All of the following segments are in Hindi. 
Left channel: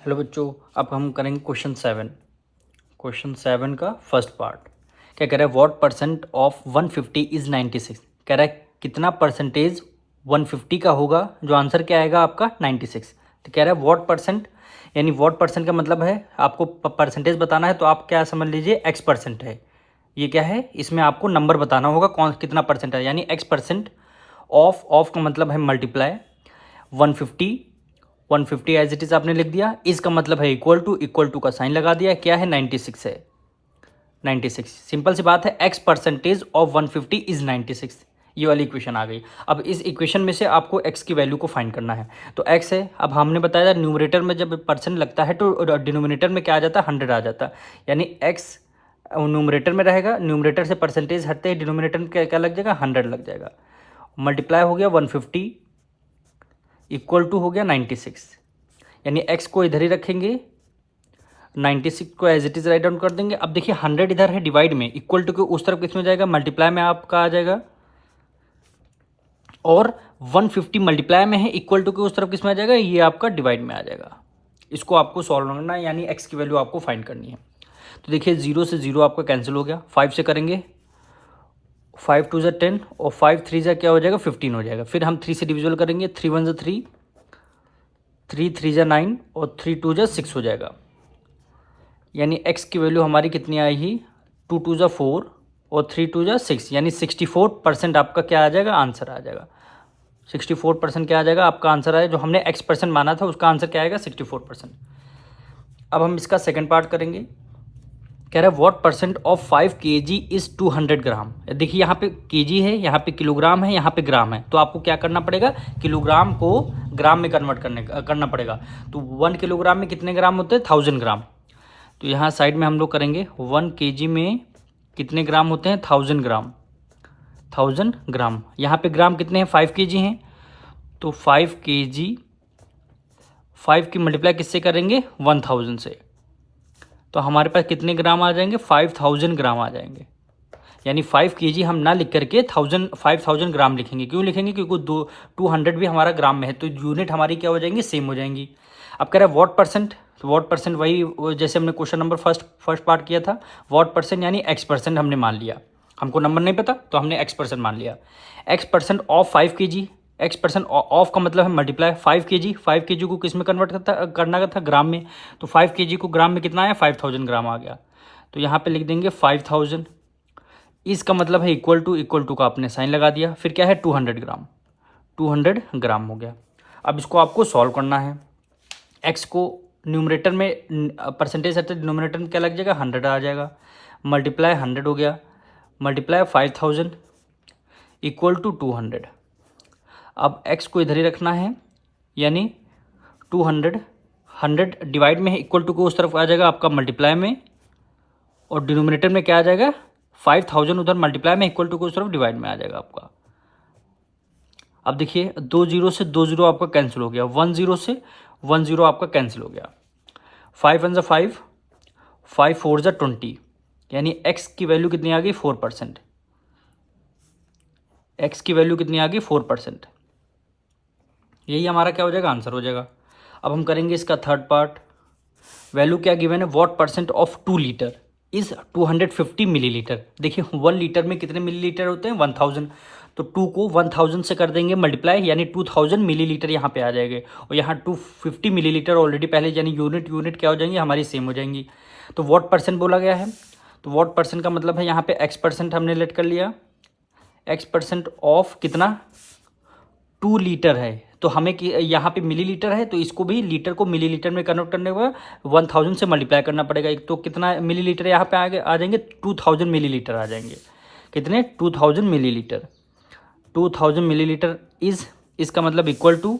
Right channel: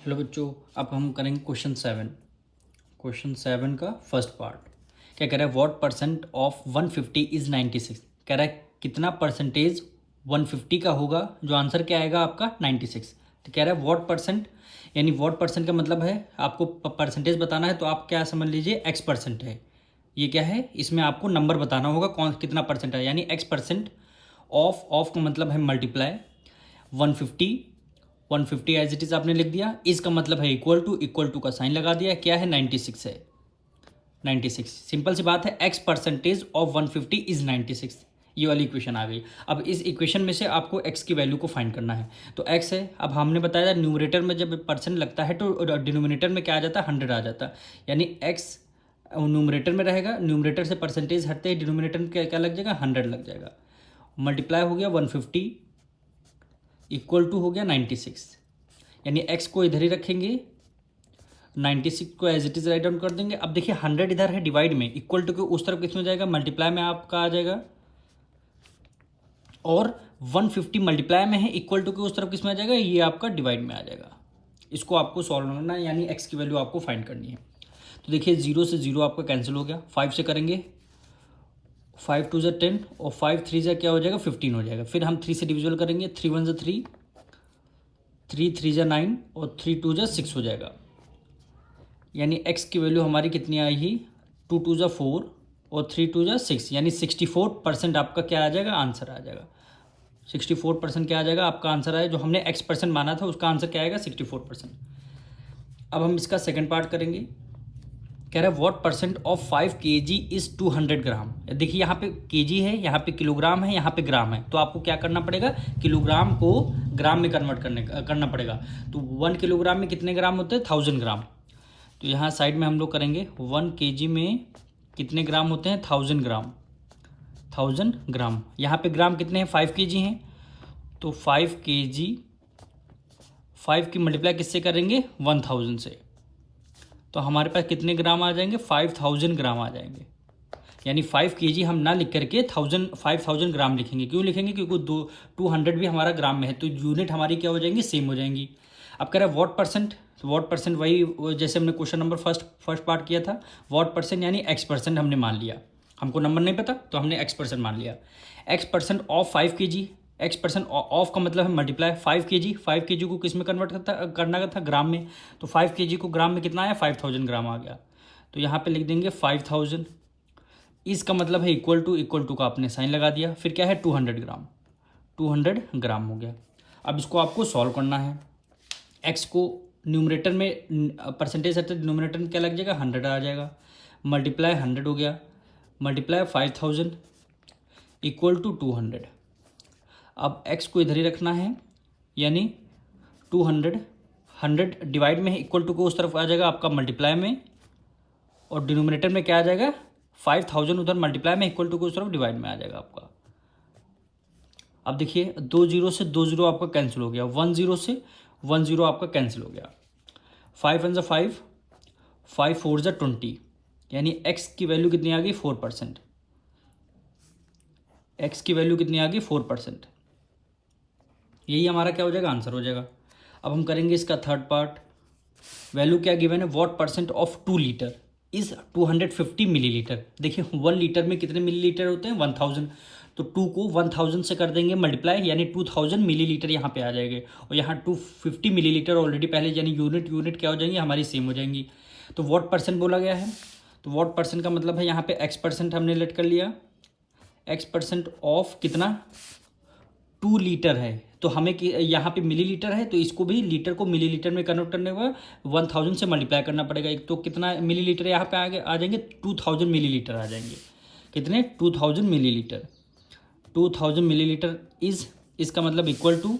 हेलो बच्चों, अब हम करेंगे क्वेश्चन 7 का फर्स्ट पार्ट। क्या कह रहा है, व्हाट परसेंट ऑफ 150 इज 96। कह रहा है कितना परसेंटेज 150 का होगा, जो आंसर क्या आएगा आपका 96। तो कह रहा है व्हाट परसेंट, यानी व्हाट परसेंट का मतलब है आपको परसेंटेज बताना है, तो आप क्या समझ लीजिए एक्स परसेंट है। ये क्या है, इसमें आपको नंबर बताना होगा कौन कितना परसेंट है, यानी एक्स परसेंट ऑफ का मतलब है मल्टीप्लाई 150। 150 एज इट इज आपने लिख दिया, इसका मतलब है इक्वल टू का साइन लगा दिया, क्या है 96 है। 96 सिंपल सी बात है, एक्स परसेंटेज ऑफ 150 इज 96। ये वाली इक्वेशन आ गई। अब इस इक्वेशन में से आपको एक्स की वैल्यू को फाइंड करना है। तो एक्स है, अब हमने बताया न्यूमरेटर में जब परसेंट लगता है तो डिनोमिनेटर में क्या आ जाता है, 100 आ जाता है। यानी एक्स न्यूमरेटर में रहेगा, न्यूमरेटर से परसेंटेज हटते ही डिनोमिनेटर में क्या क्या लग जाएगा, 100 लग जाएगा। मल्टीप्लाई हो गया 150 इक्वल टू हो गया 96, यानी एक्स को इधर ही रखेंगे, 96 को as it is write down कर देंगे। अब देखिए 100 इधर है डिवाइड में, इक्वल टू के उस तरफ किस में जाएगा, मल्टीप्लाई में आपका आ जाएगा, और 150 मल्टीप्लाई में है, इक्वल टू के उस तरफ किस में आ जाएगा, ये आपका डिवाइड में आ जाएगा। इसको आपको सॉल्व करना है, यानी एक्स की वैल्यू आपको फाइंड करनी है। तो देखिए 0 से 0 आपका कैंसिल हो गया, 5 से करेंगे, 5 2 ज़ा 10 और 5 3 ज़ा क्या हो जाएगा 15 हो जाएगा। फिर हम 3 से डिविजल करेंगे, 3 1 ज़ा 3, 3 3 ज़ा 9 और 3 2 ज़ा 6 हो जाएगा। यानी एक्स की वैल्यू हमारी कितनी आएगी, 2 2 ज़ा 4 और 3 2 ज़ा 6, यानी 64% आपका क्या आ जाएगा, आंसर आ जाएगा। 64% क्या आ जाएगा आपका आंसर आया, जो हमने एक्स परसेंट माना था उसका आंसर क्या आएगा 64%। अब हम इसका सेकंड पार्ट करेंगे। कह रहा है what percent of 5 kg is 200 ग्राम। देखिए यहाँ पे केजी है, यहाँ पे किलोग्राम है, यहाँ पे ग्राम है, तो आपको क्या करना पड़ेगा, किलोग्राम को ग्राम में कन्वर्ट करना पड़ेगा। तो 1 किलोग्राम में कितने ग्राम होते हैं, 1000 ग्राम। तो यहाँ साइड में हम लोग करेंगे 1 kg में कितने ग्राम होते हैं, 1000 ग्राम। 1000 ग्राम, यहाँ पे ग्राम कितने हैं, 5 kg हैं, तो 5 kg 5 की मल्टीप्लाई किससे करेंगे, 1000 से। तो हमारे पास कितने ग्राम आ जाएंगे, 5000 ग्राम आ जाएंगे। यानी 5 kg हम ना लिख करके 5000 ग्राम लिखेंगे। क्यों लिखेंगे, क्योंकि 200 भी हमारा ग्राम में है, तो यूनिट हमारी क्या हो जाएंगी, सेम हो जाएंगी। अब कह रहा है व्हाट परसेंट, तो व्हाट परसेंट वही जैसे हमने क्वेश्चन नंबर फर्स्ट पार्ट किया था, व्हाट परसेंट यानी एक्स परसेंट हमने मान लिया। हमको नंबर नहीं पता तो हमने एक्स परसेंट मान लिया। X percent of 5 kg, x percent of का मतलब है मल्टीप्लाई 5 kg को किस में कन्वर्ट करना था, ग्राम में। तो 5 kg को ग्राम में कितना आया, 5000 ग्राम आ गया। तो यहाँ पे लिख देंगे 5000, इसका मतलब है इक्वल टू का आपने साइन लगा दिया, फिर क्या है 200 ग्राम, 200 ग्राम हो गया। अब इसको आपको सॉल्व करना है। एक्स को न्यूमरेटर में परसेंटेज है तो डिनोमिनेटर में क्या लग जाएगा, 100 आ जाएगा, मल्टीप्लाई 100 हो गया, मल्टीप्लाई 5000 इक्वल टू 200। अब एक्स को इधर ही रखना है, यानी 200, 100 डिवाइड में है, इक्वल टू को उस तरफ आ जाएगा आपका मल्टीप्लाई में, और डिनोमिनेटर में क्या आ जाएगा 5000, उधर मल्टीप्लाई में, इक्वल टू को उस तरफ डिवाइड में आ जाएगा आपका। अब देखिए 2 0 से 2 0 आपका कैंसिल हो गया, 1 0 से 1 0 आपका कैंसिल हो गया, 5 1 ज़ा 5, 5 4 ज़ा 20, यानी एक्स की वैल्यू कितनी आ गई, 4%। एक्स की वैल्यू कितनी आ गई, 4%। यही हमारा क्या हो जाएगा, आंसर हो जाएगा। अब हम करेंगे इसका थर्ड पार्ट। वैल्यू क्या गिवन है, what percent of 2 litre is 250 millilitre. देखिए 1 लीटर में कितने मिलीलीटर होते हैं, 1000। तो 2 को 1000 से कर देंगे मल्टीप्लाई, यानी 2000 मिलीलीटर यहाँ पे आ जाएंगे, और यहाँ 250 मिलीलीटर ऑलरेडी पहले, यानी यूनिट क्या हो जाएंगी हमारी, सेम हो जाएंगी। तो व्हाट परसेंट बोला गया है, तो व्हाट परसेंट का मतलब है यहाँ पे एक्स परसेंट हमने लेट कर लिया, एक्स परसेंट ऑफ कितना, 2 लीटर है, तो हमें यहाँ पे मिलीलीटर है, तो इसको भी लीटर को मिलीलीटर में कन्वर्ट करने को 1000 से मल्टीप्लाई करना पड़ेगा। एक तो कितना मिलीलीटर यहाँ पे आ जाएंगे, 2000 मिलीलीटर आ जाएंगे। कितने, 2000 मिलीलीटर। 2000 मिलीलीटर इज, इसका मतलब इक्वल टू,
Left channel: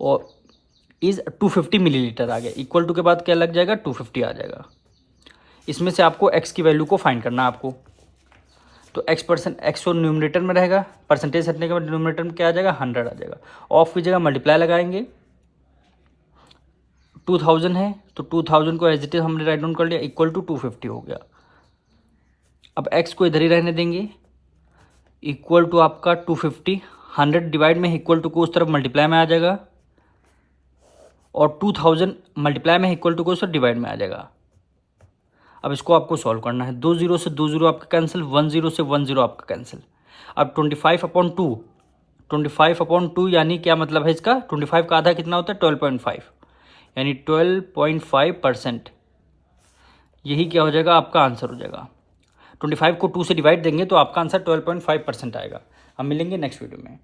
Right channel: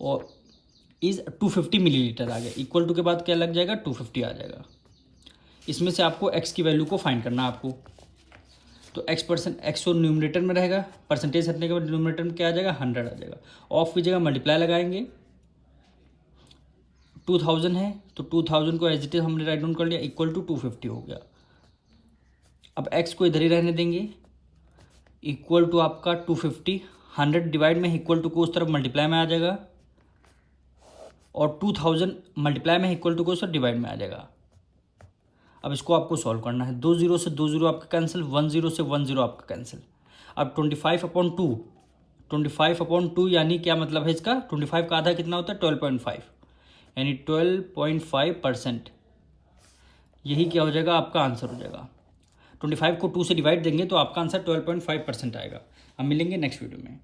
और इज 250 मिलीलीटर आ गया, इक्वल टू के बाद क्या लग जाएगा, 250 आ जाएगा। इसमें से आपको एक्स की वैल्यू को फाइंड करना है आपको। तो एक्स तो न्यूमरेटर में रहेगा, परसेंटेज हटने के बाद डिनोमिनेटर में क्या आ जाएगा, 100 आ जाएगा। ऑफ की जगह मल्टीप्लाई लगाएंगे, 2000 है तो 2000 को एज इट इज हमने राइट डाउन कर लिया, इक्वल टू 250 हो गया। अब एक्स को इधर ही रहने देंगे, इक्वल टू आपका 250, 100 डिवाइड में इक्वल टू को उस तरफ मल्टीप्लाई में आ जाएगा, और 2000 मल्टीप्लाई में इक्वल टू को सर डिवाइड में आ जाएगा। अब इसको आपको सॉल्व करना है। 2 0 से 2 0 आपका कैंसिल, 1 0 से 1 0 आपका कैंसिल। अब 25/2, 25/2 यानी क्या मतलब है इसका, 25 का आधा कितना होता है 12.5, यानी 12.5%। यही क्या हो जाएगा आपका आंसर हो जाएगा। 25 को 2 से डिवाइड देंगे तो आपका आंसर 12.5% आएगा। हम मिलेंगे नेक्स्ट वीडियो में।